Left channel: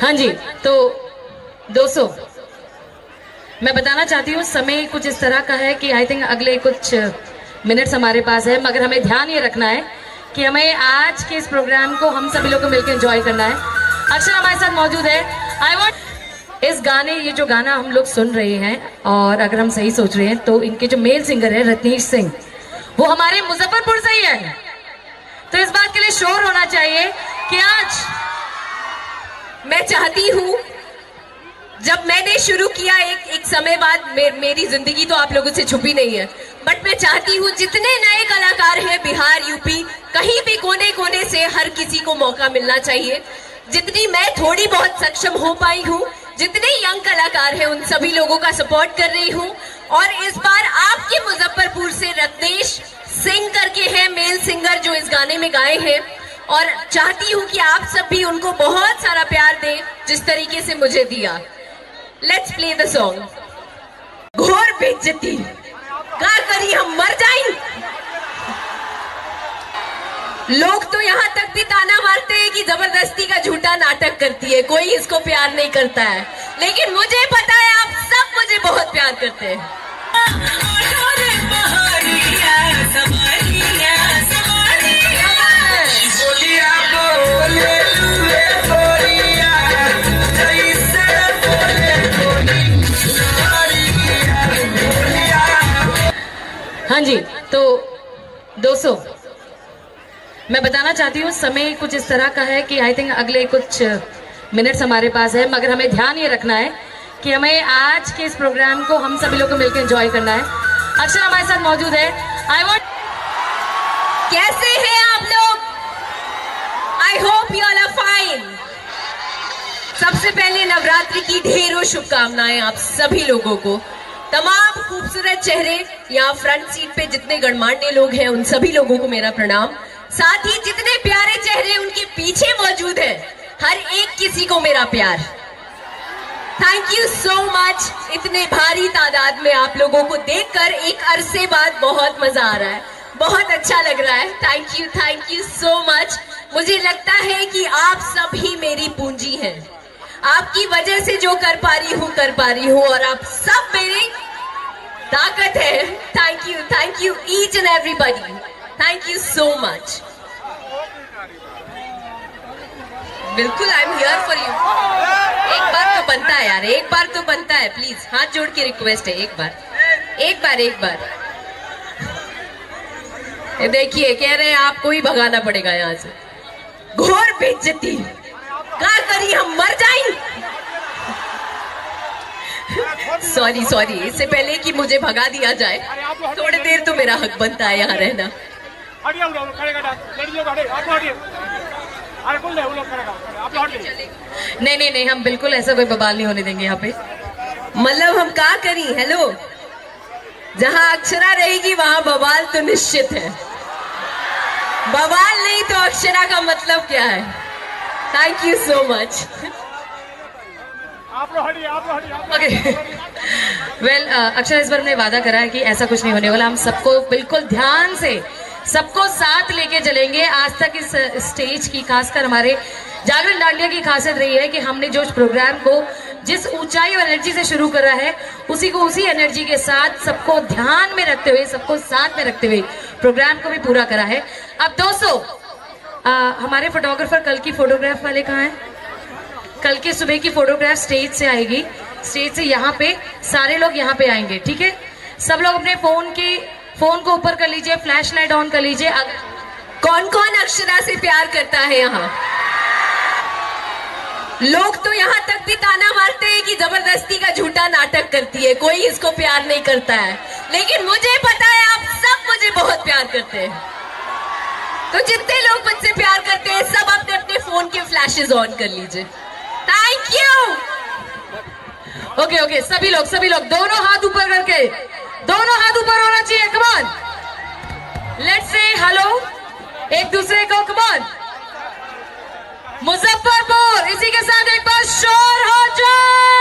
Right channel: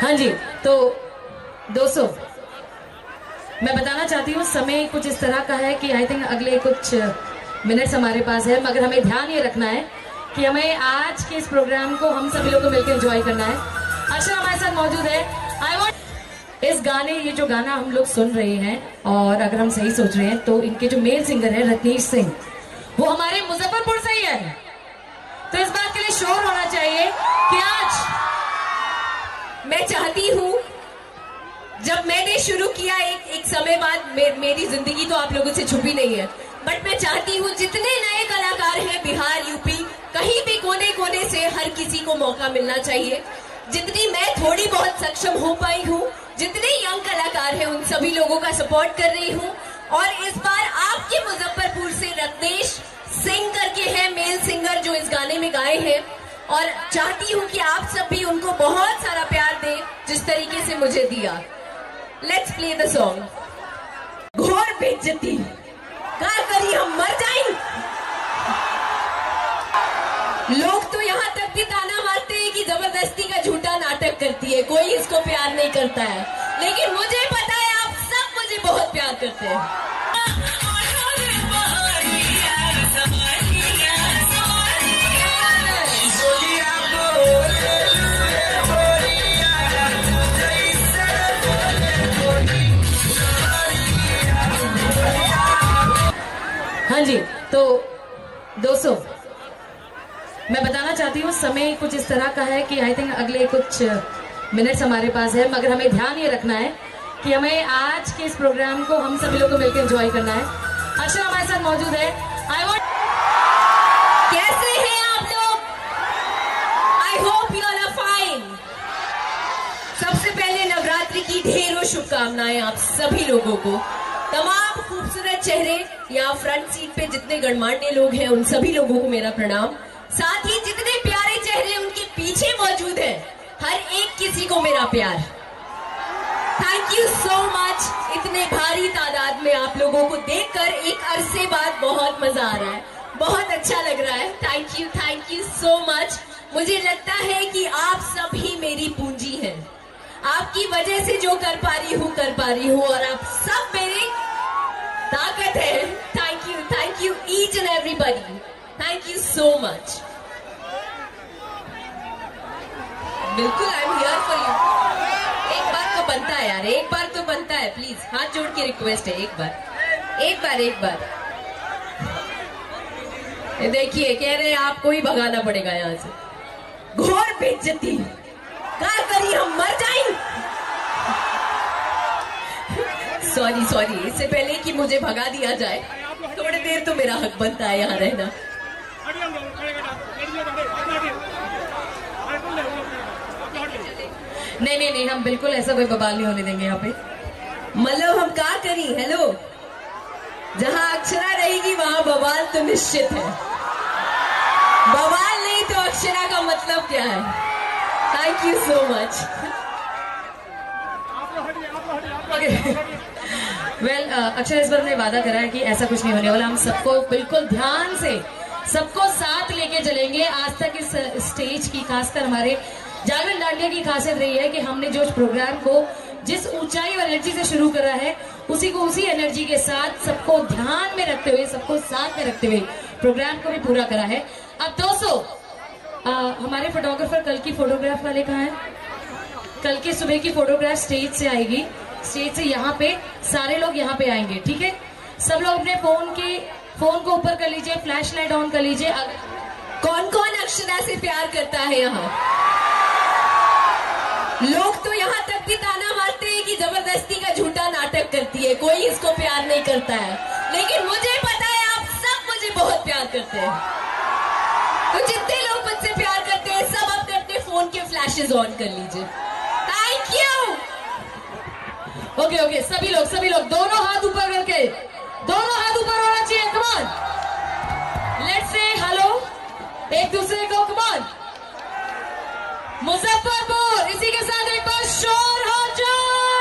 हाँ जी, तो दोस्तों मैं बताना चाहती हूँ समय कुछ इस तरह का है कि आई थिंक अगले कुछ मिनट्स हमारे पास है, मगर हमें ध्यान ये रखना है कि हमें आज के इस प्रोग्राम को हम सभी लोग को मिलकर एंजॉय करना है। अक्षर हमारे साथ मौजूद है। आई वांट इस गाने, ये जो गाना हम लोग सुन रहे हैं और अगर हम सही सोच रहे हैं तो इनके जो मेल सिंगर है रत्नेश सिंह, वो हमारे मुजफ्फरपुर से ही है। तो इस बात के लिए शोर होना चाहिए कि आज मैं चाहती हूँ, जब मैंने शुरू किया एक समय बाद, मेरी जिंदगी तो आप लोगों से छुपी नहीं है, बट मैं चाहती हूँ जितने नए कलाकार हैं बिहार यूपी कहीं भी कोने कोने से, हर किसी को मौका मिलना चाहिए। जितनी मैं थोड़ी बहुत सक्षम हो पाई हूँ, जितने यंग कलाकार हैं उन सभी लोगों का सपोर्ट कर रही हूँ। और इस बार आपके मुजफ्फरपुर से रत्नेश सिंह करके हैं मेल सिंगर जो इस गाने में गाए हैं, और चाहती हूँ कि आप सब भी उनको बहुत सारा प्यार दें जिस तरीके से मुझे दिया। Let's play the song. घोर बेइज्जती का करी हम मर जाएं। लोग तो यहाँ तक भी ताना मारते हैं कि जबरदस्ती का झूठा नाटक करती है, कोई इसको प्यार नहीं करता है, लेकिन मुझे पता है आप सब मुझे बहुत प्यार करते हैं। हाँ जी, तो दोस्तों मैं बताना चाहती हूँ समय कुछ इस तरह का है कि आई थिंक अगले कुछ मिनट्स हमारे पास है, मगर हमें ध्यान ये रखना है कि हमें आज के इस प्रोग्राम को हम सभी लोग को मिलकर एंजॉय करना है। अक्षर हमारे साथ मौजूद है। आई वांट, कैसे हैं आप लोग? I hope you all are fine. सबसे पहले नवरात्रि की ढेरों शुभकामनाएं आप सभी लोगों को। तमाम खूबसूरत चेहरे यहाँ फ्रंट सीट पे जितने गणमान्य लोग हैं उन सभी लोगों को मेरा प्रणाम। साथ ही जितने प्यारे चेहरे उनके पीछे मौजूद हैं, हर एक किसी को मेरा प्यार। Thank you so much. इतने भारी तादाद में आप लोगों को देखकर एक अरसे बाद बहुत मजा आ रहा है, बहुत अच्छा लग रहा है। Thank you so much. मुझे लगता है कि आप सब ही मेरी पूंजी हैं, आपकी वजह से जो कर पा रही हूँ और आप सब मेरी ताकत है। Thank you each and everybody. Thank you so much. बिल्कुल, I am here for you. एक बार तो बनता है यार, एक बार तो बनता है, प्लीज हाथ जोड़ के रिक्वेस्ट है, एक बार। ये देखिए, कह रहे हैं आपको ही भगाना पड़ेगा यहाँ से। घोर बेइज्जती का करी हम मर जाएं। सॉरी, इससे पहले कि मुझे भगा दिया जाए, थोड़ी देर तो मेरा हक बनता है यहाँ रहना। नहीं, हम बिल्कुल ऐसा कोई बवाल नहीं होने देंगे यहाँ पे। मतलब हम क्या करी? हेलो, जहाँ अक्षरा रहेगी वहाँ बवाल तो निश्चित है, बवाल नहीं तो अक्षरा का मतलब क्या है? Thank you so much. Well, अक्षर इस बार ने वादा करा है कि ऐसा कुछ नहीं होने वाला। हम सबको बिल्कुल ध्यान से सबको साथ लेके चलेंगे। आज तक इस स्टेज की, खासकर हमारे जागरण डांडिया की खासियत रही है कि हमने जो इस प्रोग्राम को जिस ऊंचाई और एनर्जी से शुरू करा है, उसी को उसी एनर्जी के साथ सबको ध्यान में रखते हुए, सबको साथ में रखते हुए प्रोग्राम को भी पूरा करा है। अब दोस्तों, हमारे फोटोग्राफर कल की फोटोग्राफ वाले कहाँ हैं? कल की सुबह की फोटोग्राफ स्टेज से आएगी, स्टेज से यहाँ पे सारे लोग यहाँ पे आएंगे, ठीक है? सब लोग अपने फोन को ऊपर कर लीजिए, फ्लैश लाइट ऑन कर लीजिए। कौन कौन अक्षरा से प्यार करता है यहाँ? लोग तो यहाँ तक भी ताना मारते हैं कि जबरदस्ती का झूठा नाटक करती है, कोई इसको प्यार नहीं करता है, लेकिन मुझे पता है आप सब मुझे बहुत प्यार करते हैं। तो जितने लोग मुझसे प्यार करते हैं सब अपने अपने फोन के फ्लैशेस ऑन कर लीजिए। Thank you. ओके, सभी लोग दोनों हाथ ऊपर करके, दोनों हाथ ऊपर होना चाहिए। Come on, let's say hello एक दूसरे को। कम ऑन, मुजफ्फरपुर, इसी के साथ एक बार शोर हो जाए।